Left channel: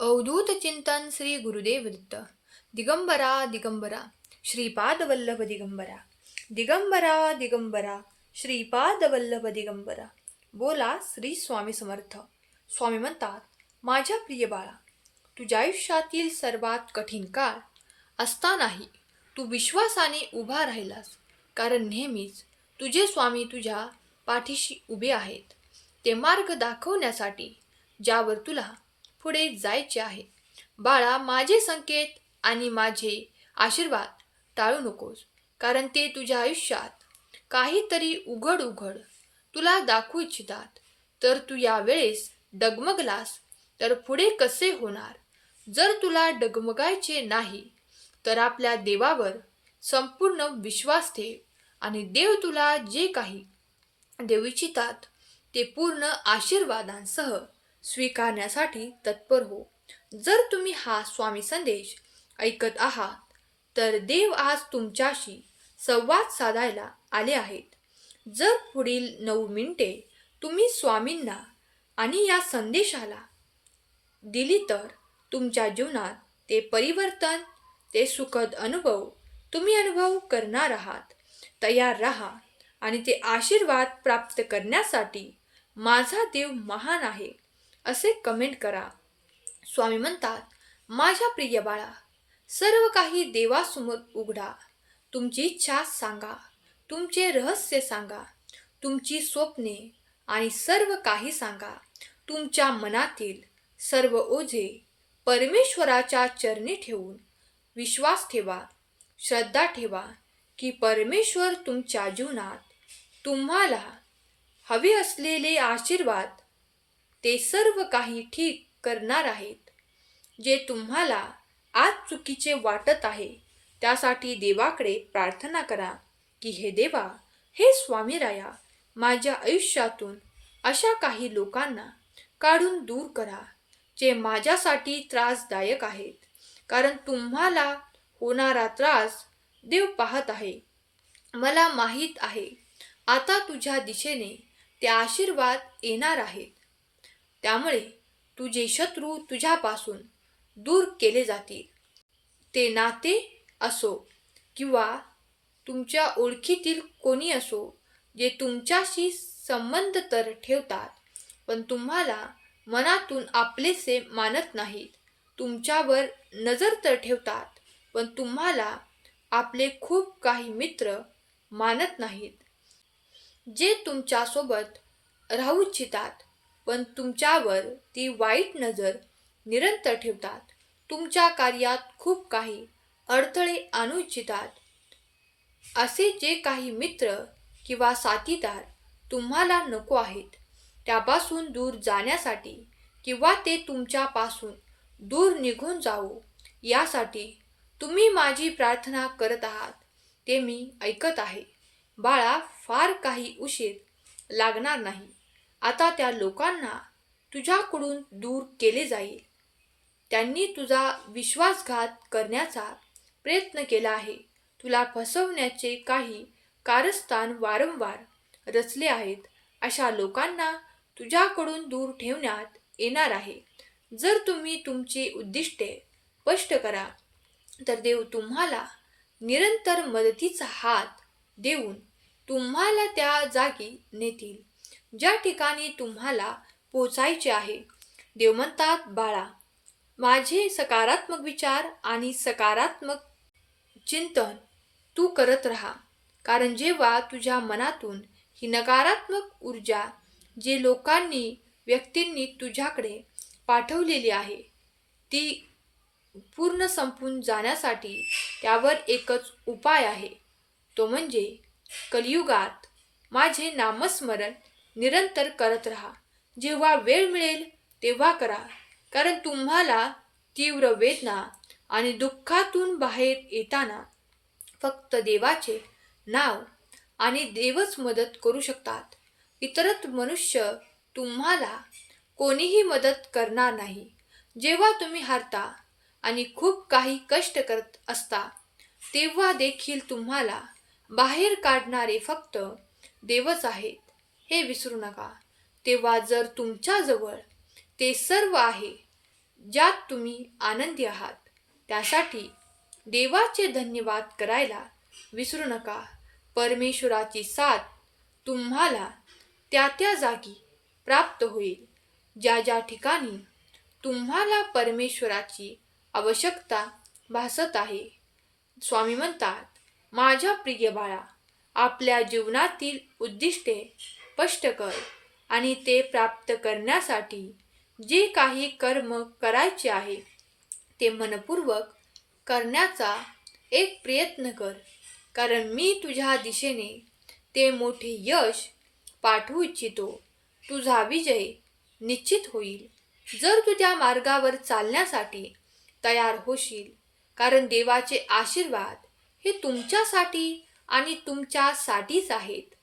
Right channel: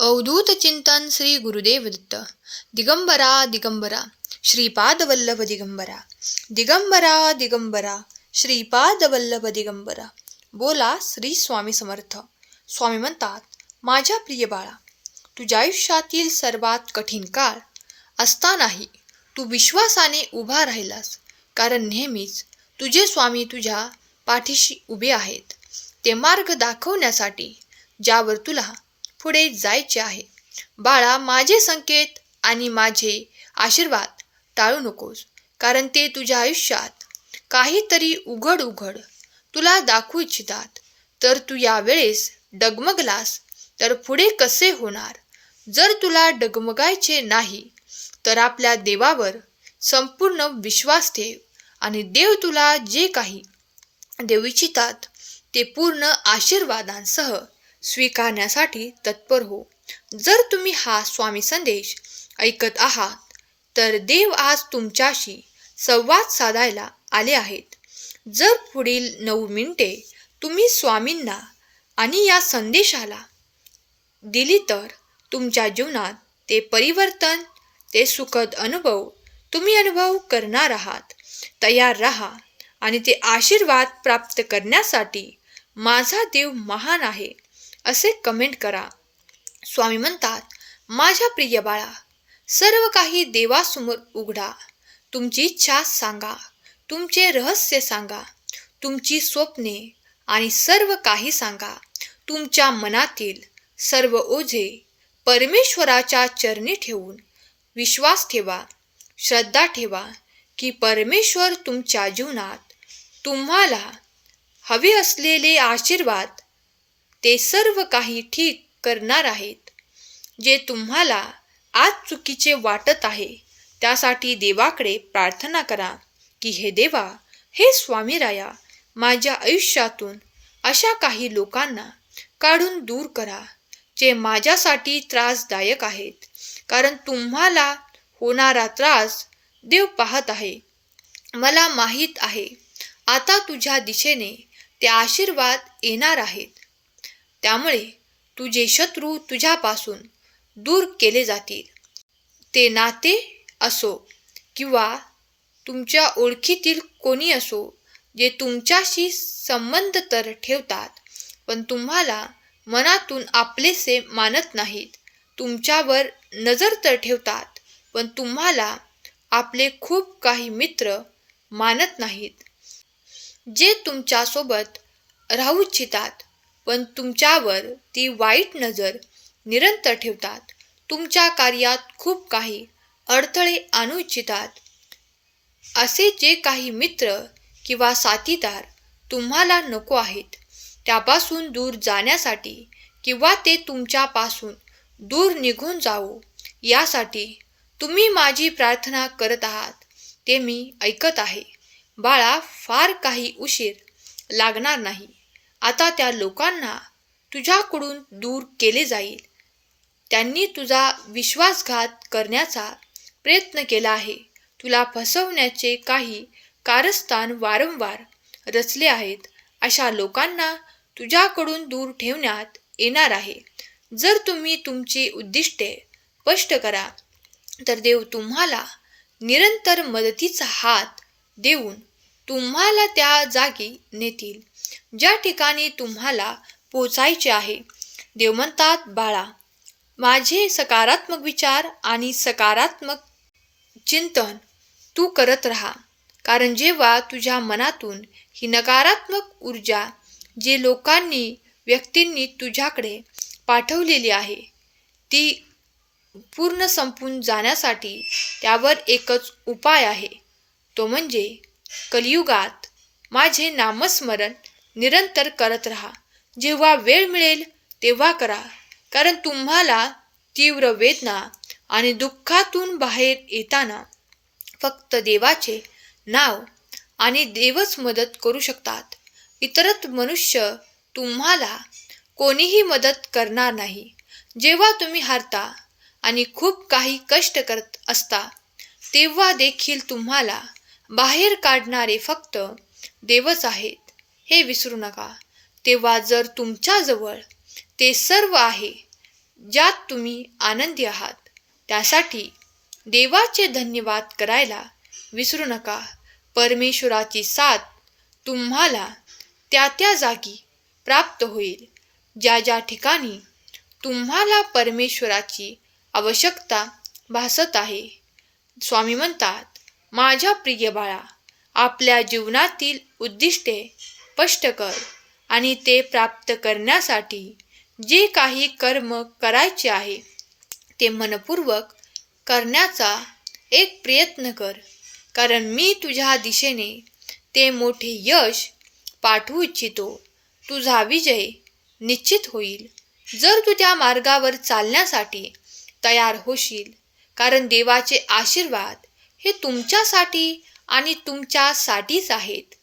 अवधूत चिंतन श्री गुरुदेव दत्त दिगंबरा दिगंबरा श्रीपाद वल्लभ दिगंबरा। दिगंबरा दिगंबरा श्रीपाद वल्लभ दिगंबरा। बोला श्री स्वामी समर्थ। स्वामी म्हणतात माझ्या प्रिय बाळा तुझ्या आयुष्यातील सर्वात कठीण काळ असतानाही तू विश्वासाने उभा राहिलास कारण नेहमीच तुझे स्वामी तुझ्या पाठीशी उभे आहेत. ते मार्ग दाखवण्यासाठी ज्यावर तुला पुढे जायचे आहे. बाळा माझे संकेत आणि माझे आशीर्वाद टाळू नकोस कारण ते तुझ्या आयुष्यात काहीतरी उघड उघड तुला दाखवू इच्छितात. तर तू यावेळेस डगमगलास तर पुढे कसे होणार? जर तुला डगमगायचे नाही तर आपल्या देवावर संपूर्ण विश्वास ठेव आणि देव तुला जे काही देऊ इच्छितात ते पूर्ण आशीर्वादांसह स्वीकारण्यासाठी तत्पर हो. जर तुम्ही हा स्वामी संदेश ऐकत आहात तर देव आज तुमच्याशी संवाद साधायला आले आहेत. जर पुढील नऊ मिनिटे तुम्ही स्वामींना आणि या संदेशाला दिली तर तुमच्या जीवनात ते परिवर्तन ते सुखद अनुभव तुम्ही अनुभव करणार आहात. तयार राहा आणि ते आशीर्वाद प्राप्त करण्यासाठी माझा देव महान आहे. असे कमेंट करा. स्वामी म्हणतात माझ्या प्रिय बाळा सर्व काही देवासमोर उघडा. तुमची इच्छा सांगा. तुमचे रहस्य सांगा. तुमची स्वप्ने आणि सर्व काही सांगा. तुमच्या मनातील सर्व ओझे परमेश्वराच्या चरणी ठेवून विश्वास ठेवा. श्रद्धा ठेवा की परमेश्वर तुमच्या जीवनात तुम्हाला हवे असलेले आशीर्वाद ते सर्व काही ठीक करणार आहेत. जे तुम्हाला आज चुकीचे वाटत आहे त्यासाठी देवाकडे प्रार्थना करा की हे देवा हे स्वामीराया माझ्या आयुष्यातून अशा काही लोकांना काढून दूर करा जे माझ्यासाठी त्रासदायक आहेत. कारण तुम्हाला होणारा त्रास देव पाहत आहे. मला माहीत आहे आता तुझ्या दिशेने ते आशीर्वाद येणार आहेत. त्यामुळे तुझे शत्रू तुझ्यापासून दूर केले जातील. ते नाते असो किंवा तुमच्या ओळखीतील कोणी असो जे तुमच्याशी संबंध तर ठेवतात पण तुम्हाला मनातून आपलेसे मानत नाहीत. तुमच्यावर नजर तर ठेवतात पण तुम्हाला आपले खूप काही मित्र मानत नाहीत. जे तुमच्यासोबत राहू इच्छितात पण तुमच्यावर ती वाईट नजर निरंतर ठेवतात. तुमच्या कार्यात खूप काही अडथळे आणू इच्छितात. असे जे काही मित्र किंवा साथीदार तुम्हाला नको आहेत त्यापासून दूर जाण्यासाठी किंवा ते तुमच्यापासून दूर निघून जावो यासाठी तुम्ही माझी प्रार्थना करत आहात ते मी ऐकत आहे. बाळा फार काही उशीर लागणार नाही. आता त्या लोकांना तुझ्याकडून दूर केले जाईल. त्यांनी तुझा विश्वासघात करण्याचा प्रयत्न केला आहे. तुला फसवण्याचे काही कारस्थान वारंवार रचले आहेत. अशा लोकांना तुझ्याकडून दूर ठेवण्यात येणार आहे. जर तुम्ही तुमची उद्दिष्टे स्पष्ट करा तर देव तुम्हाला निरंतर मदतीचा हात देऊन तुम्हाला त्या जागी नेतील. ज्या ठिकाणी तुम्हाला पोचायचे आहे देव म्हणतात बाळा माझे सकारात्मक विचार आणि सकारात्मक चिंतन तू करत राहा कारण जेव्हा तुझ्या मनातून ही नकारात्मक ऊर्जा जे लोकांनी व्यक्तींनी तुझ्याकडे पाठवलेली आहे ती पूर्ण संपून जाण्यासाठी त्यावर एकच उपाय आहे. तो म्हणजे कलियुगात माझे नामस्मरण निरंतर करत राहा. जेव्हा वेळ मिळेल तेव्हा करा. कारण तुम्हाला तीव्र वेदना आणि दुःखातून बाहेर येताना फक्त देवाचे नाव आणि देवच मदत करू शकतात. इतरत मनुष्य तुम्हाला कोणीही मदत करणार नाही. जेव्हा तुम्ही हारता आणि खूप काही कष्ट करत असता तेव्हा देखील तुम्हाला बाहेर काढणारे फक्त देवच आहेत. हे विसरू नका. तेव्हा जर तुमच्याजवळ ते सर्व आहे ज्यात तुम्ही आनंदी आहात त्यासाठी देवाचे धन्यवाद करायला विसरू नका. परमेश्वराची साथ तुम्हाला त्या त्या जागी प्राप्त होईल ज्या ज्या ठिकाणी तुम्हाला परमेश्वराची आवश्यकता भासत आहे. स्वामी म्हणतात माझ्या प्रिय बाळा आपल्या जीवनातील उद्दिष्टे स्पष्ट कर आणि ते प्राप्त करण्यासाठी जे काही कर्म करायचे आहे ते मनपूर्वक करण्याचा एक प्रयत्न कर. कारण मी तुझ्या दिशेने ते मोठे यश पाठवू इच्छितो. तुझा विजय निश्चित होईल. जर तू त्या मार्गावर चालण्यासाठी तयार होशील कारण देवाचे आशीर्वाद हे तुमच्यासाठी आणि तुमच्यासाठीच आहेत.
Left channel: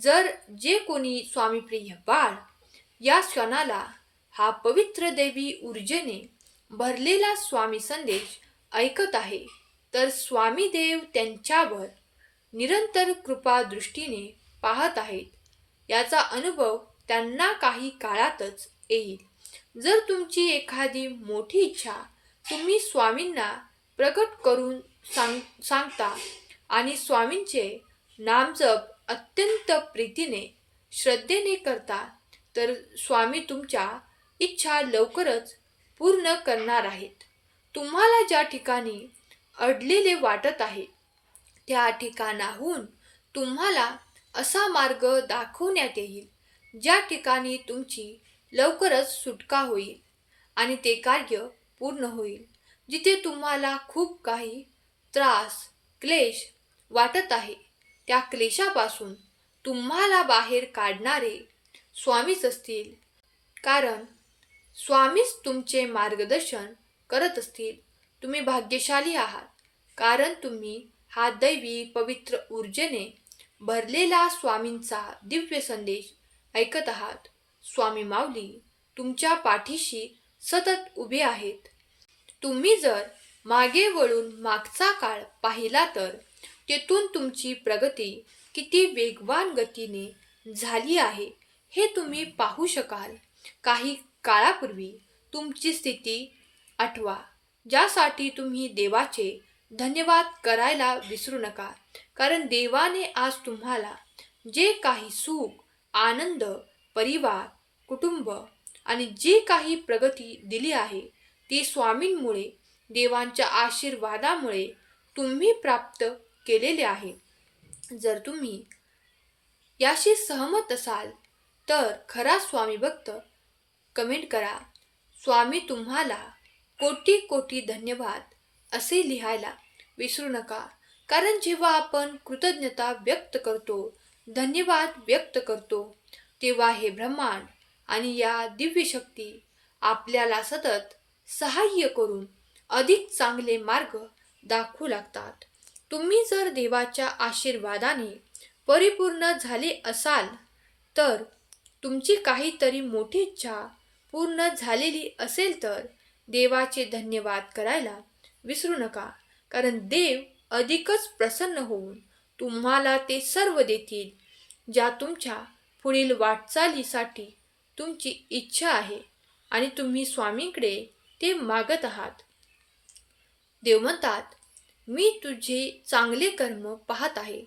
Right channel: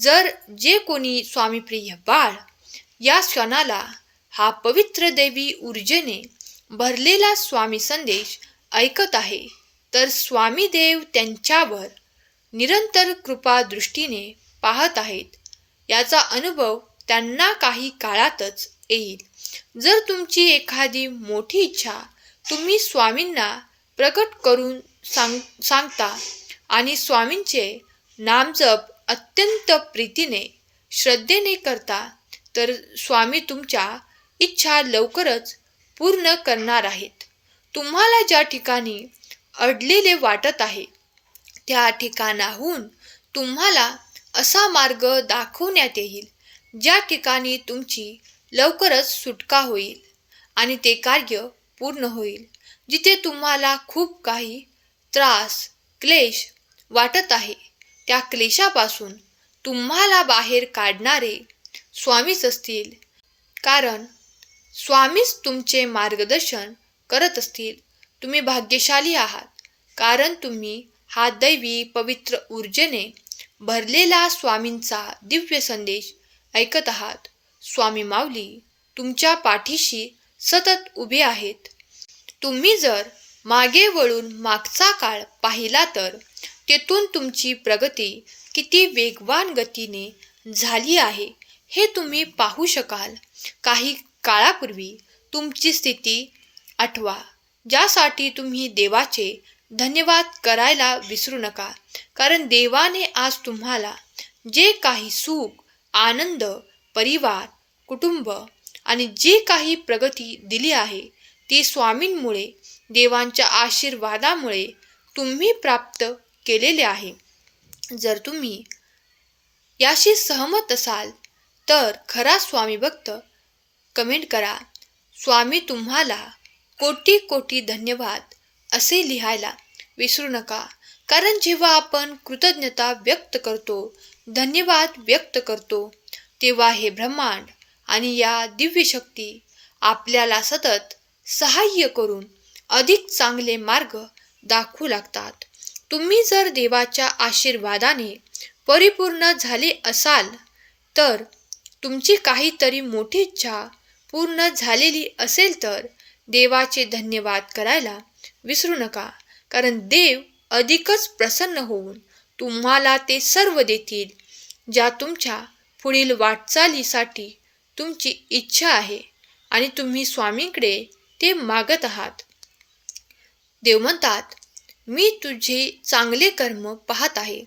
जर जे कोणी स्वामीप्रिय बाळ या क्षणाला हा पवित्र देवी ऊर्जेने भरलेला स्वामी संदेश ऐकत आहे तर स्वामी देव त्यांच्यावर निरंतर कृपा दृष्टीने पाहत आहेत. याचा अनुभव त्यांना काही काळातच येईल. जर तुमची एखादी मोठी इच्छा तुम्ही स्वामींना प्रकट करून सांग सांगता आणि स्वामींचे नामजप अत्यंत प्रीतीने श्रद्धेने करता तर स्वामी तुमच्या इच्छा लवकरच पूर्ण करणार आहेत. तुम्हाला ज्या ठिकाणी अडलेले वाटत आहे त्या ठिकाणाहून तुम्हाला असा मार्ग दाखवण्यात येईल ज्या ठिकाणी तुमची लवकरच सुटका होईल आणि ते कार्य पूर्ण होईल जिथे तुम्हाला खूप काही त्रास क्लेश वाटत आहे. त्या क्लेशापासून तुम्हाला बाहेर काढणारे स्वामीच असतील. कारण स्वामीच तुमचे मार्गदर्शन करत असतील. तुम्ही भाग्यशाली आहात. कारण तुम्ही हा दैवी पवित्र ऊर्जेने भरलेला स्वामींचा दिव्य संदेश ऐकत आहात. स्वामी माऊली तुमच्या पाठीशी सतत उभे आहेत. तुम्ही जर मागे वळून मागचा काळ पाहिला तर तेथून तुमची प्रगती किती वेगवान गतीने झाली आहे हे तुम्ही पाहू शकाल. काही काळापूर्वी तुमची स्थिती आठवा ज्यासाठी तुम्ही देवाचे धन्यवाद करायला विसरू नका कारण देवाने आज तुम्हाला जे काही सुख आनंद परिवार कुटुंब आणि जे काही प्रगती दिली आहे ती स्वामींमुळे देवांच्या आशीर्वादामुळे तुम्ही प्राप्त केलेले आहे. जर तुम्ही याशी सहमत असाल तर खरा स्वामी भक्त कमेंट करा. स्वामी तुम्हाला कोटी कोटी धन्यवाद असे लिहायला विसरू नका. कारण जेव्हा आपण कृतज्ञता व्यक्त करतो धन्यवाद व्यक्त करतो तेव्हा हे ब्रह्मांड आणि या दिव्य शक्ती आपल्याला सतत सहाय्य करून अधिक चांगले मार्ग दाखवू लागतात. तुम्ही जर देवाच्या आशीर्वादाने परिपूर्ण झाले असाल तर तुमची काहीतरी मोठी इच्छा पूर्ण झालेली असेल तर देवाचे धन्यवाद करायला विसरू नका कारण देव अधिकच प्रसन्न होऊन तुम्हाला ते सर्व देतील ज्या तुमच्या पुढील वाटचालीसाठी तुमची इच्छा आहे आणि तुम्ही स्वामींकडे ते मागत आहात. देव म्हणतात मी तुझे चांगले कर्म पाहत आहे.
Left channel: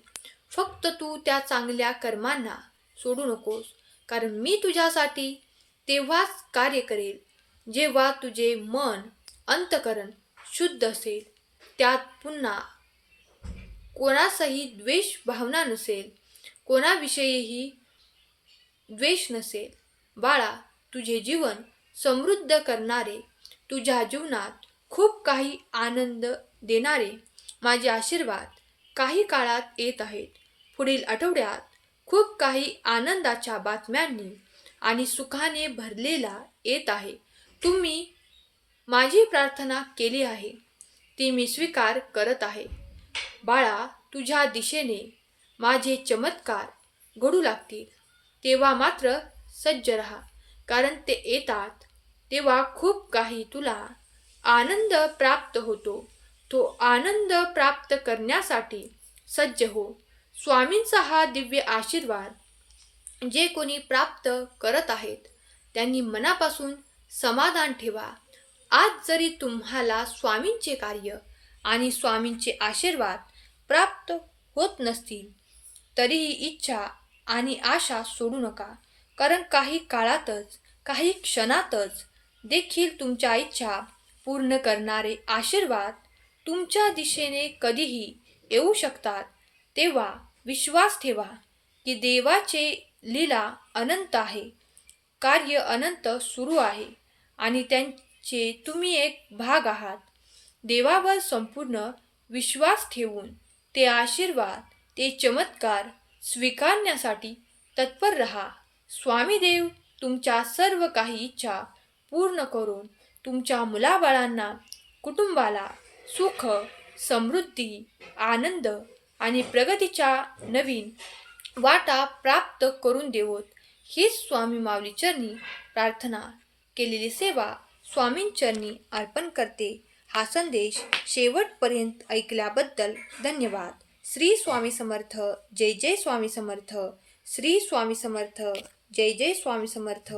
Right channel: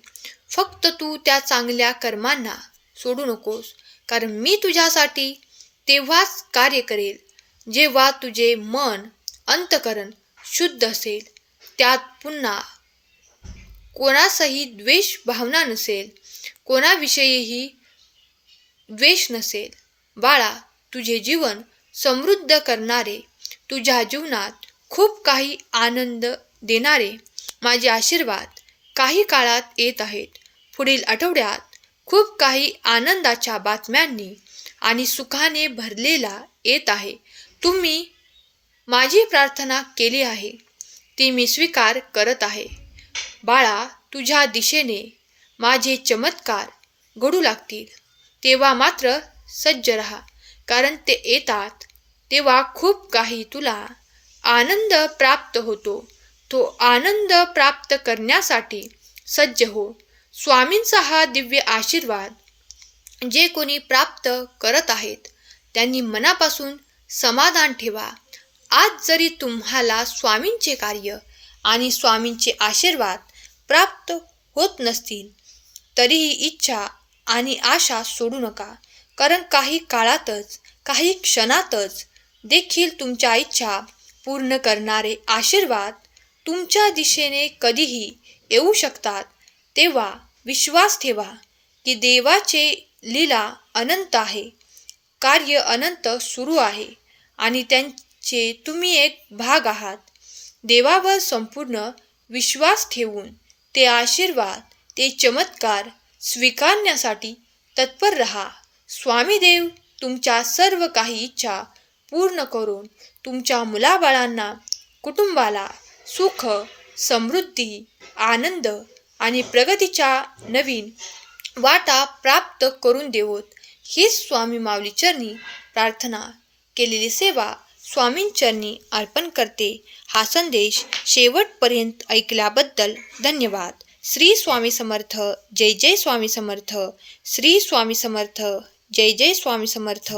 फक्त तू त्या चांगल्या कर्मांना सोडू नकोस कारण मी तुझ्यासाठी तेव्हाच कार्य करेल. जेव्हा तुझे मन अंतकरण शुद्ध असेल त्यात पुन्हा कोणासही द्वेष भावना नसेल कोणाविषयीही द्वेष नसेल. बाळा तुझे जीवन समृद्ध करणारे तुझ्या जीवनात खूप काही आनंद देणारे माझे आशीर्वाद काही काळात येत आहेत. पुढील आठवड्यात खूप काही आनंदाच्या बातम्यांनी आणि सुखाने भरलेला येत आहे. तुम्ही माझी प्रार्थना केली आहे. ती मी स्वीकार करत आहे. बाळा तुझ्या दिशेने माझे चमत्कार घडू लागतील. तेव्हा मात्र सज्ज रहा कारण ते येतात तेव्हा खूप काही तुला आनंद प्राप्त होतो. तो आनंद प्राप्त करण्यासाठी सज्ज हो. स्वामींचा हा दिव्य आशीर्वाद जे कोणी प्राप्त करत आहेत त्यांनी मनापासून समाधान ठेवा. आज जरी तुम्हाला स्वामींचे कार्य आणि स्वामींचे आशीर्वाद प्राप्त होत नसतील तरीही इच्छा आणि आशा सोडू नका. कारण काही काळातच काही क्षणातच देखील तुमच्या इच्छा पूर्ण करणारे आशीर्वाद तुमच्या दिशेने कधीही येऊ शकतात तेव्हा विश्वास ठेवा की देवाचे लीला अनंत आहे. कार्य अनंत सुरू आहे आणि त्यांचे तुम्ही एक भाग आहात. देवावर संपूर्ण विश्वास ठेवून ते आशीर्वाद ते चमत्कार स्वीकारण्यासाठी तत्पर रहा. स्वामी देव तुमच्या सर्व काही इच्छा पूर्ण करून तुमच्या मुलाबाळांना कुटुंबाला सुख समृद्धी आनंद आणि प्रगतीच्या नवीन वाटा प्राप्त करून देवोत. हीच स्वामी माऊली चरणी प्रार्थना केलेली सेवा स्वामींचरणी अर्पण करते. हा संदेश शेवटपर्यंत ऐकल्याबद्दल धन्यवाद. श्री स्वामी समर्थ जय जय स्वामी समर्थ. श्री स्वामी समर्थ जय जय स्वामी समर्थ.